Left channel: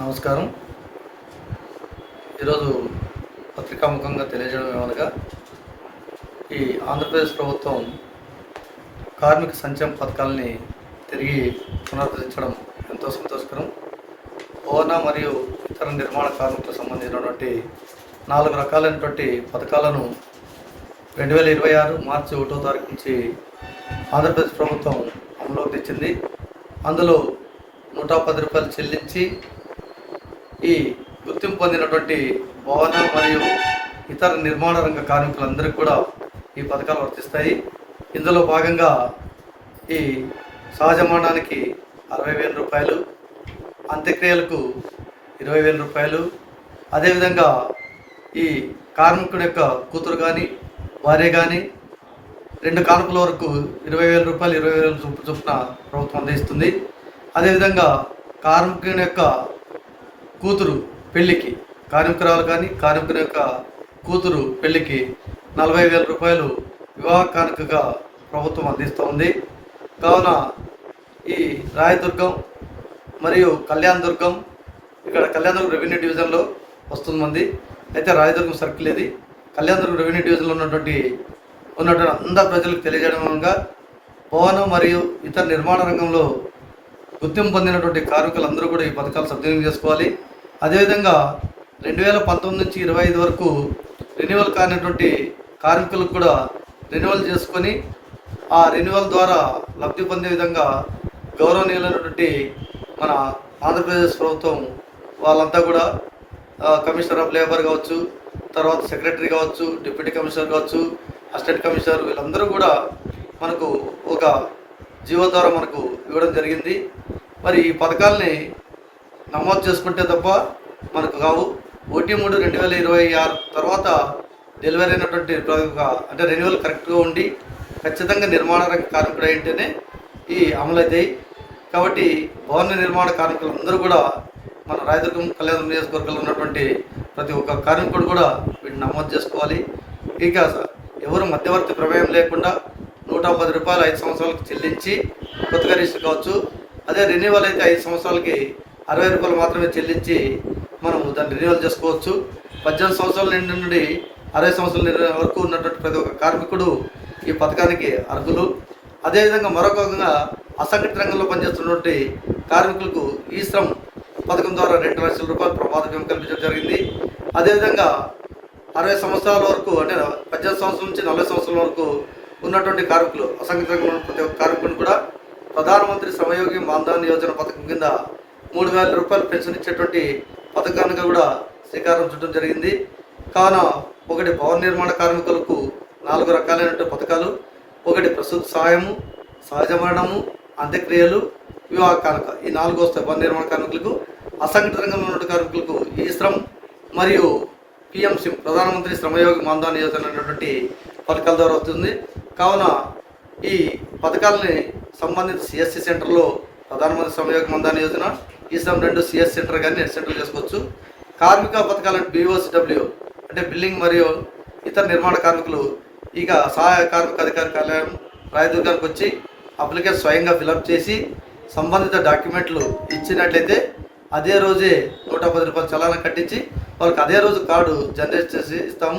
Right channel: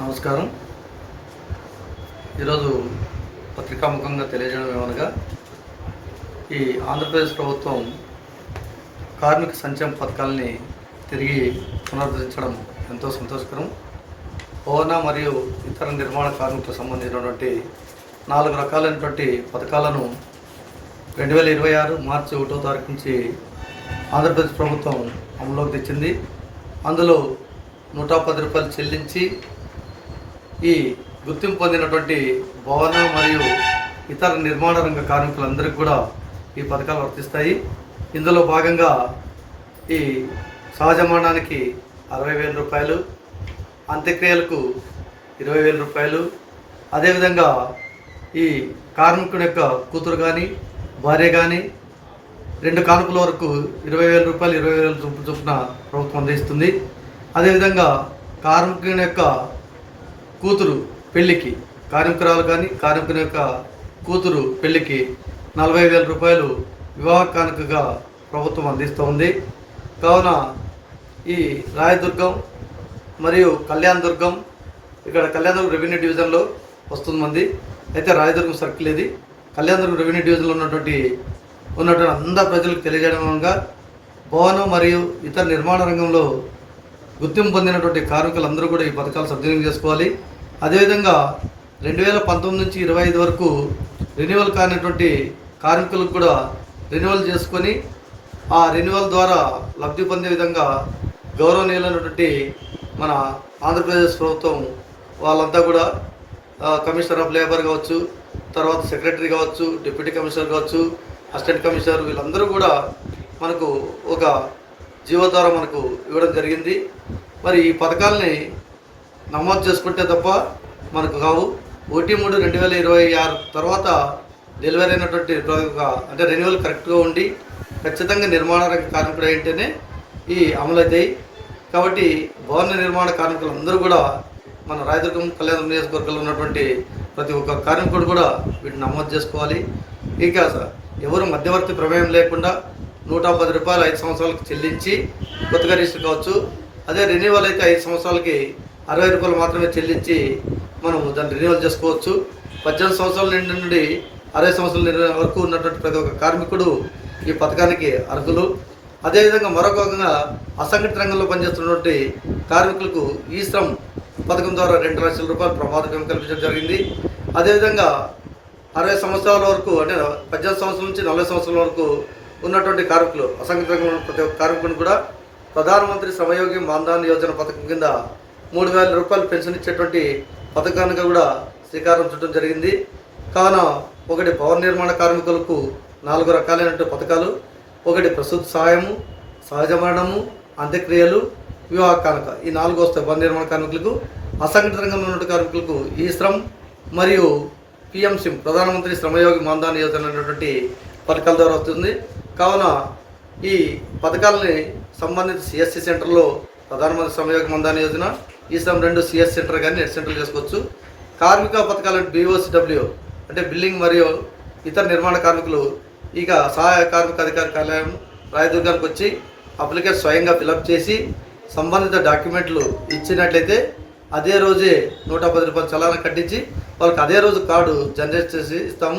నమస్కారం. ఈరోజు పత్రికాముఖంగా తెలియజేయడం ఏమనగా, ఈ ఆంధ్రప్రదేశ్ ప్రభుత్వం కార్మిక సంక్షేమ పథకాలని తిరిగి పునరుద్ధరించడం ఎంతో సంతోషకరం. భవన మరియు ఇతర నిర్మాణ కార్మికులకు సంబంధించినటువంటి 4 రకాలైనటువంటి పథకాలను 2026 మార్చి 1వ తారీఖు నుంచి ఆంధ్రప్రదేశ్ ప్రభుత్వం అమలులోకి తెచ్చింది. అందులో 110 రూపాయలు చెల్లించి ఈ గుర్తింపు పొందినటువంటి భవన మరియు ఇతర నిర్మాణ రంగ కార్మికులందరికీ కూడా ఈ పథకాలు వర్తిస్తాయి. ఇందులో భాగంగా ఈ సహజమరణానికి 60,000 రూపాయలు, అంత్యక్రియలకు 20,000 రూపాయలు, అదేవిధంగా ఈ కార్మికుడి యొక్క కూతురు కానీ భార్య కానీ 2 కానుకల వరకు 20,000 రూపాయలు 20,000 చొప్పున ప్రభుత్వం అందిస్తుంది. అదేవిధంగా కార్మికుని యొక్క కూతురు పెళ్లికి, కార్మికురాలు కానీ కార్మికుని యొక్క కూతురు పెళ్లికి 40,000 రూపాయలు వివాహ కానుకగా ప్రభుత్వం అందిస్తూ ఉంది. కావున ఈ రాయదుర్గం మరియు కళ్యాణదుర్గం, ఇక్కడ కళ్యాణదుర్గం రెవెన్యూ డివిజన్లో వస్తుంది మంది, అయితే రాయదుర్గం సర్కిల్ ఇది. కళ్యాణదుర్గం రెవెన్యూ డివిజన్లో ఉన్నటువంటి అందరు ప్రజలకు తెలియజేయడం మూలంగా భవనం మరియు ఇతర నిర్మాణ రంగంలో గుర్తింపు పొందినటువంటి కార్మికులందరూ కూడా ఈ పథకాలు సద్వినియోగం చేసుకోవాలి. అదేవిధంగా 2019 నుంచి 25 వరకు రెన్యువల్ కానిటువంటి కార్మికులకు కూడా రెన్యువల్ చేసుకొని ఆ రెన్యువల్ ద్వారా లబ్ధి పొందే విధంగా గౌరవనీయులైనటువంటి మన ఆంధ్రప్రదేశ్ ప్రభుత్వం వాళ్ళంతా కూడా కమిషనర్ ఆఫ్ లేబర్ కావచ్చు, తర్వాత సెక్రటరీ కావచ్చు, డిప్యూటీ కమిషనర్ కావచ్చు, అసిస్టెంట్ కమిషనర్, వీళ్ళందరూ కూడా మనకు ఒక జీవో ద్వారా మనకు ఇవ్వడం జరిగింది. మరి ఈ పథకాలని నమోదు చేసుకుంటే తప్ప మనకు కావు. 1/3/2026 తర్వాత డెలివరీ అయినటువంటి అంటే రెన్యువల్ కరెక్ట్గా ఉండి ఖచ్చితంగా నిర్మాణ రంగ కార్మికుడు అయితేనే ఈ అమలు అవుతాయి. కాబట్టి భవన నిర్మాణ కార్మికులందరూ కూడా మన రాయదుర్గం కళ్యాణ నియోజకవర్గంలో ఉన్నటువంటి ప్రతి ఒక్క కార్మికుడు కూడా వీటిని నమోదు చేసుకోవాలి. ఇక ఎవరు మధ్యవర్తి ప్రమేయం లేకుండా 110 రూపాయలు 5 సంవత్సరాలకు చెల్లించి కొత్తగా రిజిస్టర్ కావచ్చు. అదే రెన్యువల్ అయితే 5 సంవత్సరాలకి 60 రూపాయలు మాత్రమే చెల్లించి మనం దాన్ని రెన్యువల్ చేసుకోవచ్చు. 18 సంవత్సరాల నుండి 60 సంవత్సరాల వరకు ఉన్నటువంటి ప్రతి ఒక్క కార్మికుడు ఈ పథకానికి అర్హులు. అదేవిధంగా మరొకగా అసంఘటిత రంగంలో పనిచేస్తున్నటువంటి కార్మికులకు ఈ శ్రమ్ పథకం ద్వారా 2 లక్షల రూపాయలు ప్రమాద బీమా కల్పించడం జరిగింది. అదేవిధంగా 60 సంవత్సరాల వరకు, అంటే 18 సంవత్సరాల నుంచి 40 సంవత్సరాల వరకు ఉన్నటువంటి కార్మికులు, అసంఘటిత రంగంలో ప్రతి ఒక్క కార్మికుని కూడా ప్రధానమంత్రి శ్రమయోగి మాన్ధన్ యోజన పథకం కింద 3,000 రూపాయలు పెన్షన్ ఇచ్చేటువంటి పథకానికి కూడా శ్రీకారం చుట్టడం జరిగింది. కావున ఒకటి భవన నిర్మాణ కార్మికులకు 4 రకాలైనటువంటి పథకాలు, ఒకటి ప్రసూతి సహాయము, సహజ మరణము, అంత్యక్రియలు, వివాహ కానుక, ఈ 4 వస్తాయి భవన నిర్మాణ కార్మికులకు. అసంఘటిత రంగంలో ఉన్న కార్మికులకు ఈ శ్రమ్ మరియు పిఎంసి ప్రధానమంత్రి శ్రమయోగి మాన్ధన్ యోజన అనేటువంటి పథకాల ద్వారా వస్తుంది. కావున ఈ పథకాలని సంబంధిత సిఎస్సి సెంటర్లో ప్రధానమంత్రి శ్రమయోగి మాన్ధన్ యోజన, ఈ శ్రమ్ 2 సిఎస్ సెంటర్ కానీ నెట్ సెంటర్లు చేసుకోవచ్చు. కార్మిక పథకాలు BOCW అంటే బిల్డింగ్ మరియు ఇతర నిర్మాణ కార్మికులు ఇక సహాయ కార్మిక అధికారి కార్యాలయం రాయదుర్గానికి వచ్చి అప్లికేషన్ స్వయంగా ఫిలప్ చేసి సంబంధిత డాక్యుమెంట్లు ఇచ్చినట్లయితే అదే రోజే 110 రూపాయలు చలానా కట్టించి వాళ్ళకి అదే రోజు కార్డు జనరేట్ చేసి ఇస్తాము.